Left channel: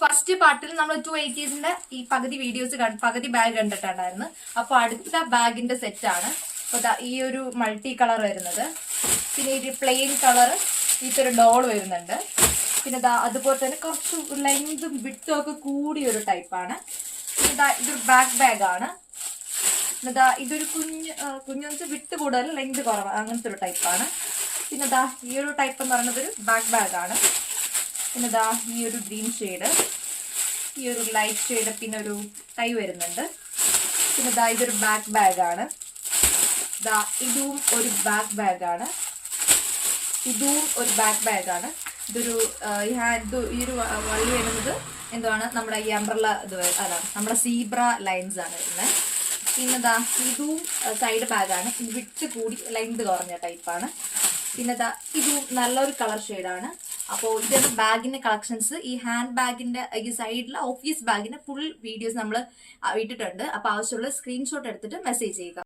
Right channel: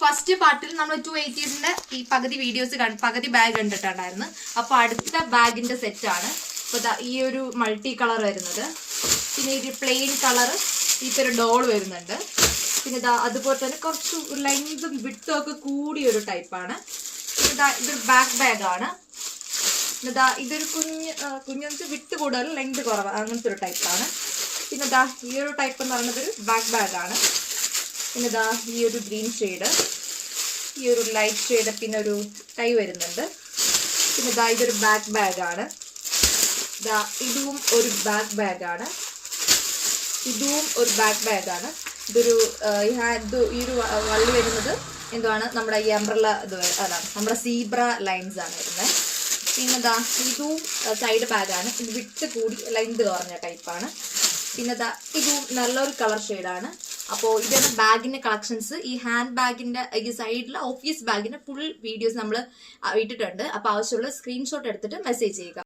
First പാർട്ടിൽ നമ്മൾ 280s ഈ പകുതി വീഡിയോസ് പകുതി ബാഗ് കണ്ടിട്ടുണ്ടായിരുന്നു. അപ്പൊ അടുത്ത ബാഗിന്റെ സെറ്റാണ്. അപ്പൊ ഈ ഒരു മൾട്ടി കളർ വരുന്നത്, പിന്നെ ഒരു പ്ലെയിൻ കളർ ഇതൊരു ഡോൾ വരുന്നുണ്ട്. പിന്നെ അതുപോലെ തന്നെ കുറച്ച് ലെങ്തും വിട്ടും ഒക്കെ കൂടിയൊരു ടൈപ്പാണ്. പിന്നെ ഇതൊരു ബാക്ക് ബാഗാണ്. ഇതൊരു കുഞ്ഞു വിട്ട് കൂടുതൽ ലെങ്ത് കുറവ് അങ്ങനത്തെ ഒരു ടൈപ്പാണ്. പിന്നെ ഈ ഒരു ടൈപ്പ് എന്ന് പറയുന്നത് ഒരു ബാക്ക് ബാഗാണ്. പിന്നെ ഈ ഒരു ഗ്രീൻ ഷെയ്ഡ്, ഈ ഒരു ലൈറ്റ് ഷെയ്ഡ്, പിന്നെ ഒരു ടൈ വരുന്നുണ്ട്. പിന്നെ ഇതൊരു ബാക്ക് ബാഗാണ്. ഇതും ഒരു ബാക്ക് ബാഗാണ്. ഇതും ഒരു ബാക്ക് ബാഗാണ്. ഇതൊരു ഈ ഒരു വള്ളി വരുന്നത് എന്തുവാണ്, നമ്മുടെ ഈ അംബ്രല്ല അതാണ്, നമ്മുടെ സീബ്ര ലൈൻസ് ആണ് വരുന്നത്. പിന്നെ ഇതും സൈഡ് ബാഗാണ്. ഇത് വിട്ട് കൂടി ലെങ്ത് കുറഞ്ഞ ടൈപ്പാണ്. പിന്നെ ഇതും നല്ലൊരു കളർ ഷെയ്ഡാണ്. അപ്പോൾ ഇതാണ് ബാഗിന്റെ കളക്ഷൻസ്. ഈ ഹാൻഡ് ബാഗിന്റെ ഈ സൈഡിലെ ഓഫീസ് ബാഗിന്റെ ഫുൾ വീഡിയോസ് നമ്മൾ ഇട്ടിട്ടുണ്ട്. അപ്പോൾ ആവശ്യമുള്ള സ്ക്രീൻഷോട്ട് എടുത്തിട്ട് മെസ്സേജ് ചെയ്യുക.